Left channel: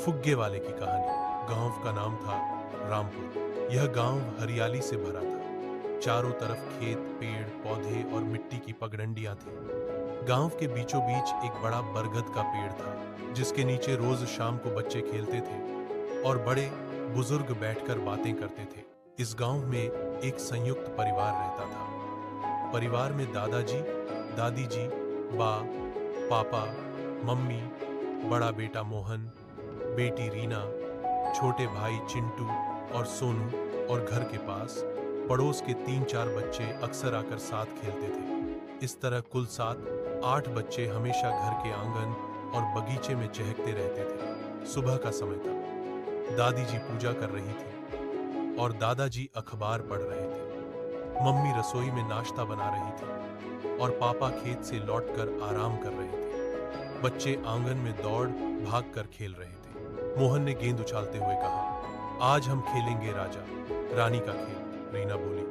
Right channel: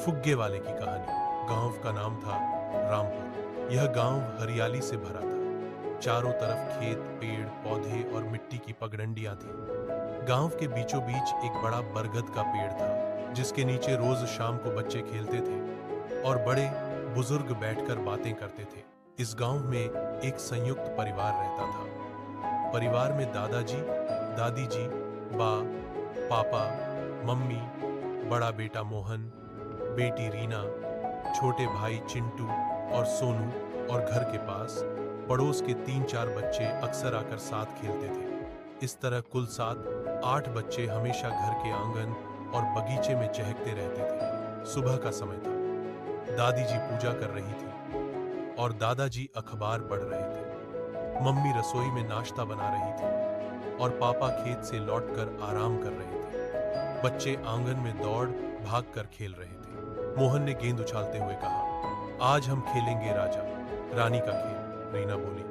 फुग्गे वाले की कहानी। गांव का नाम था रामपुर। यह गांव हरियाली से भरा था। चारों तरफ खेत, पेड़, पौधे और मिट्टी की पगडंडियां थीं। गांव के बीचों बीच एक बड़ा बरगद का पेड़ था, जिसके नीचे रोज शाम को बच्चे खेलते थे और बड़े बुजुर्ग बैठकर बातें करते थे। इस गांव में एक संयुक्त परिवार रहता था। परिवार में दादाजी, दादी जी, बा, पापा, मम्मी, बड़ा बेटा मोहन, बेटी रीना, छोटे भाई चिंटू और सोनू, और घर के पास पड़ोस के 3-4 बच्चे अक्सर आकर साथ खेलते थे। इस तरह कुल 7-8 बच्चे हमेशा घर के आंगन और बगीचे में चहकते रहते थे। सुबह का समय था। दादी जी पूजा कर रही थी और दादाजी अखबार पढ़ रहे थे। मम्मी रसोई में नाश्ता बना रही थी और पापा खेत से लौटकर आराम कर रहे थे। बच्चे आंगन में दौड़ भाग कर खेल रहे थे। मोहन ने गेंद उछालते हुए कहा, आज हम खेलेंगे राजा रानी का खेल। रीना बोली,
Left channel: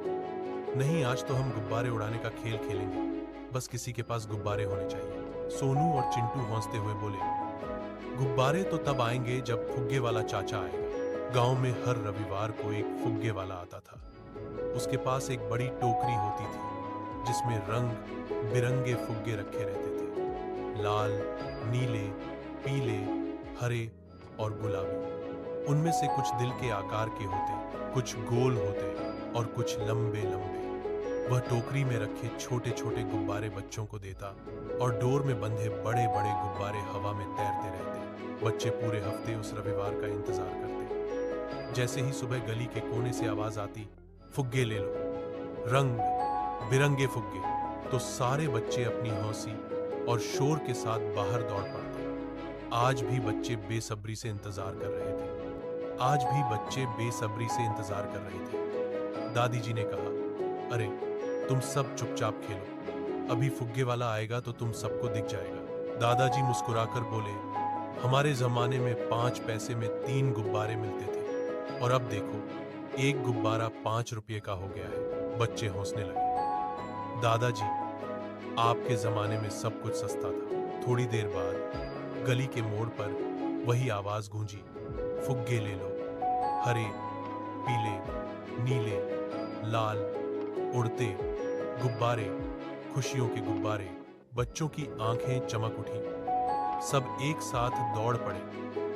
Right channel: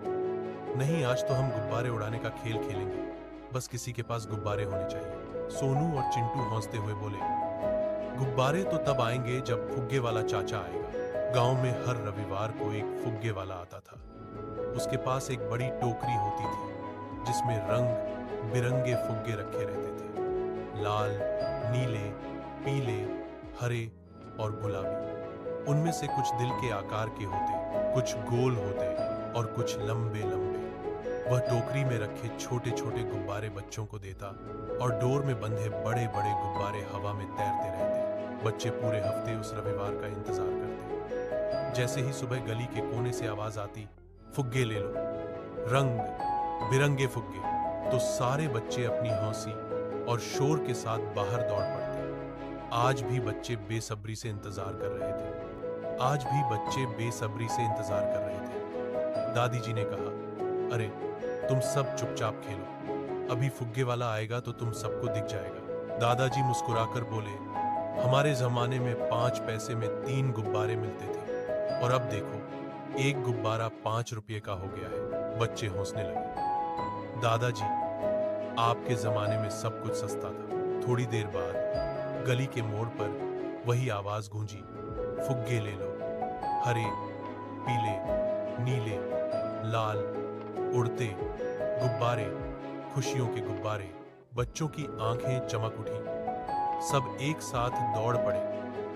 नहीं, आज तो हम गुब्बारे उड़ाने का खेल खेलेंगे। बस किसी के पास गुब्बारे होने चाहिए। सोनू और चिंटू हंसते हुए बोले, गुब्बारे तो तब आएंगे जब फुग्गे वाला चाचा आएगा। गांव में हर रविवार को एक फुग्गे वाला आता था। उसके पास एक बड़ी टोकरी होती थी जिसमें रंग बिरंगे फुग्गे रखे रहते थे। लाल, नीले, पीले, हरे और गुलाबी। उनमें से कुछ दिल के आकार के होते, कुछ गोल होते और कुछ लंबे लंबे। वह टोकरी में रखे छोटे छोटे गुब्बारे बच्चों को देता और डोर में बंधे बड़े बड़े गुब्बारे हवा में तैरते रहते। बच्चे पूरे हफ्ते उस रविवार का इंतजार करते। जैसे ही सुबह गली के कोने से आवाज आती, फुग्गे ले लो, रंग बिरंगे फुग्गे, तो सारे बच्चे अपनी हौसी और शोर के साथ बाहर दौड़ पड़ते। आज भी बच्चे बेसब्री से इंतजार कर रहे थे। दादी जी ने कहा, अरे तुम सब चुपचाप खेलो, अभी फुग्गे वाला आएगा तो तुम सबको दिख जाएगा। दादाजी मुस्कुराकर बोले, हमारे जमाने में 5 पैसे में 3 गुब्बारे मिलते थे और अब देखो, एक गुब्बारा 5 रुपये का हो गया है। बच्चे हंसने लगे। दादाजी, आपके जमाने में सब कुछ सस्ता था। थोड़ी देर बाद गली के मोड़ पर वही आवाज गूंजी, फुग्गे ले लो, हरे, पीले, नीले, लाल, उड़ते गुब्बारे, खुशियों के गुब्बारे। बच्चों की आंखें चमक उठी। सब एक साथ दौड़ पड़े।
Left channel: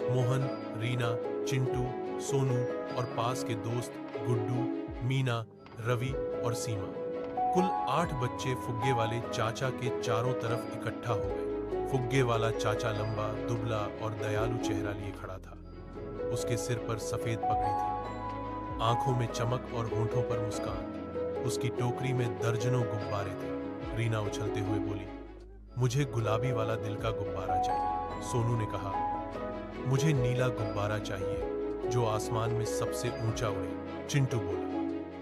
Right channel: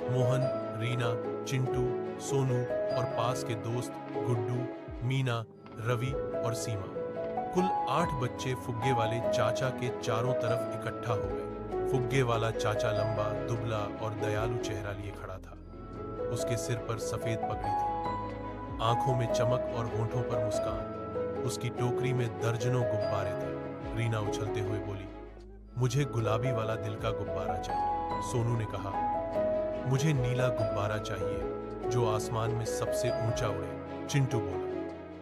मोहन, रीना, चिंटू, सोनू और पास के दोस्त गुड्डू, मीना, रवि और सीमा। कुल 8 बच्चे फुग्गे वाले चाचा के चारों तरफ इकट्ठा हो गए। फुग्गे वाला चाचा लंबा, दुबला और दयालु चेहरा लिए खड़ा था। उसके सिर पर सफेद पगड़ी थी, आंखों में चमक और होंठों पर मुस्कान। उसकी टोकरी में दर्जनों गुब्बारे थे। रीना उछलते हुए बोली, मुझे गुलाबी वाला दिल का गुब्बारा चाहिए। सोनू ने कहा, मुझे नीला गुब्बारा चाहिए जो आसमान में सबसे ऊंचा उड़े। चिंटू बोला,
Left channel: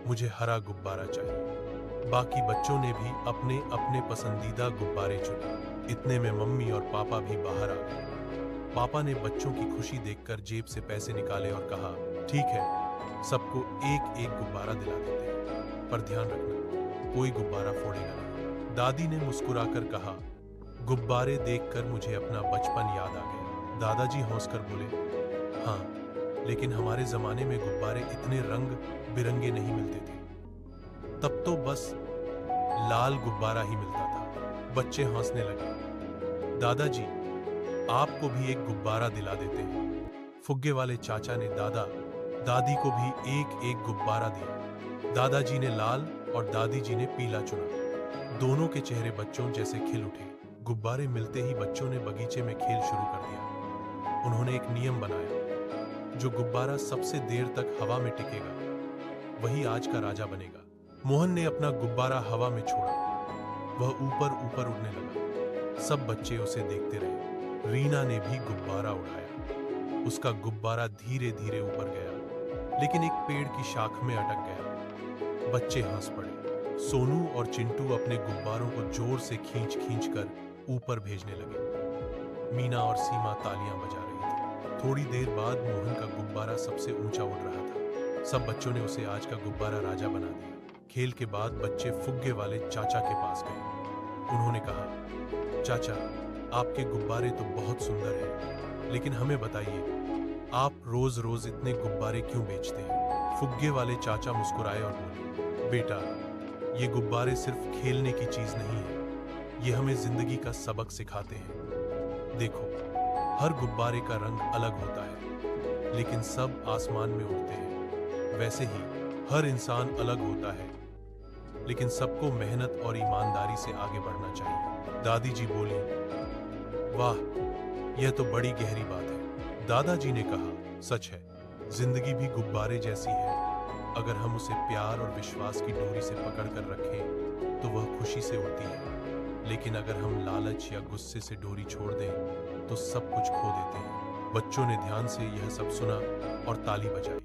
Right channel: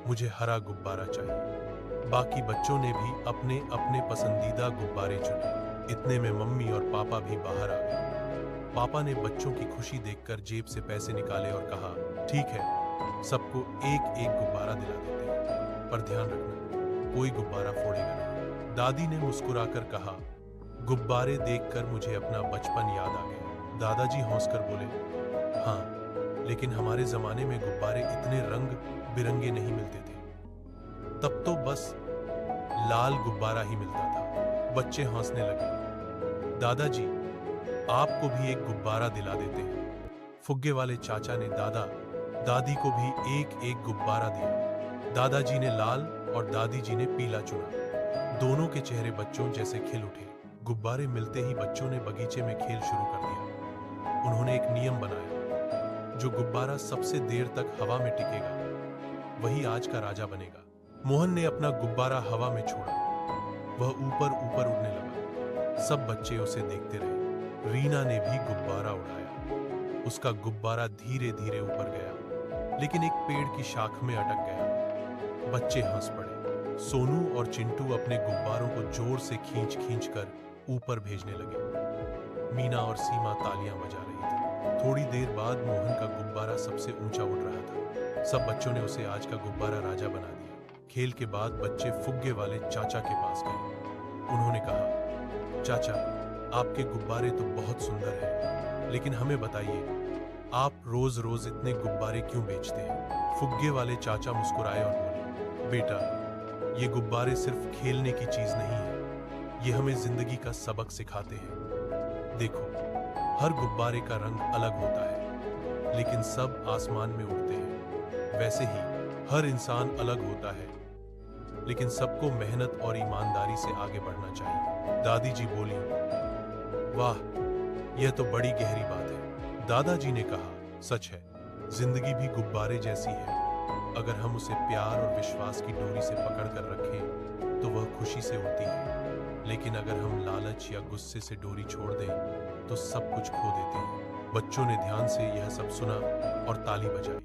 मुझे हरा गुब्बारा चाहिए। बाकी बच्चों ने भी अपने अपने पसंदीदा गुब्बारे चुने। इतने में मम्मी और पापा भी बाहर आ गए। पापा ने बच्चों की खुशी देखकर जेब से पैसे निकाले और कहा, ठीक है, सबको एक एक गुब्बारा दिला देते हैं, पर ध्यान रखना, कोई गुब्बारा फोड़ेगा नहीं। दादी ने मुस्कुराकर कहा, गुब्बारे देखकर मुझे अपना बचपन याद आ गया। दादाजी हंसकर बोले, हाँ, लेकिन हमारे जमाने में गुब्बारे इतने रंग बिरंगे नहीं मिलते थे। तब तो बस लाल गुब्बारा ही मिलता था। बच्चे हंसने लगे। दादाजी, आपको भी एक गुब्बारा दिला देते हैं। फुग्गे वाले चाचा ने दादा दादी को भी एक एक गुब्बारा दिया। दादाजी ने लाल और दादी जी ने पीला चुना। दोनों के चेहरे बच्चों जैसे खिल उठे। गुब्बारे मिलते ही बच्चों ने बगीचे में खेल शुरू कर दिया। उन्होंने एक नियम बनाया, जो गुब्बारा सबसे देर तक हवा में टिकेगा वही आज का राजा बनेगा। मोहन ने अपना गुब्बारा हवा में छोड़ा। वह ऊपर ऊपर उड़ने लगा। सब बच्चे उसे देखते रहे। रीना ने भी गुब्बारा उड़ाया। उसका गुब्बारा धीरे धीरे ऊपर गया, लेकिन एक पेड़ की शाख में अटक गया। बच्चे हंस पड़े। सोनू और चिंटू अपने गुब्बारों को जोर से खींच खींच कर ऊपर भेजने लगे। मीना और सीमा तालियां बजा रही थी। थोड़ी देर बाद मोहन का गुब्बारा सबसे ऊंचा उड़ रहा था। सब बच्चों ने उसे आज का गुब्बारा राजा बना दिया। खेल के बाद बच्चे फुग्गे वाले चाचा के पास गए। उन्होंने कहा, चाचा, आपके गुब्बारे तो बहुत सुंदर हैं, लेकिन हमें बताइए, आप रोज रोज इतने गुब्बारे क्यों बेचते हैं? फुग्गे वाले चाचा मुस्कुराए और बोले, बेटा, ये गुब्बारे सिर्फ खेलने की चीज नहीं है, ये हमें जिंदगी का सबक सिखाते हैं। देखो, हर गुब्बारे का रंग अलग होता है, लेकिन सब आसमान में उड़ते हैं। वैसे ही हर इंसान अलग होता है, लेकिन सबको मेहनत और ईमानदारी से आगे बढ़ना चाहिए। दादी जी बोली, वाह, यह तो बड़ी गहरी बात है। दादाजी ने कहा, सच है, जिंदगी भी गुब्बारे जैसी है। अगर हम उसे प्यार और विश्वास की डोरी से पकड़ कर रखें तो वह खुशी से उड़ती है, लेकिन अगर हम लालच या गुस्से से डोरी छोड़ दें तो सब कुछ खो देते हैं। बच्चों ने ध्यान से यह सब सुना और ताली बजाई।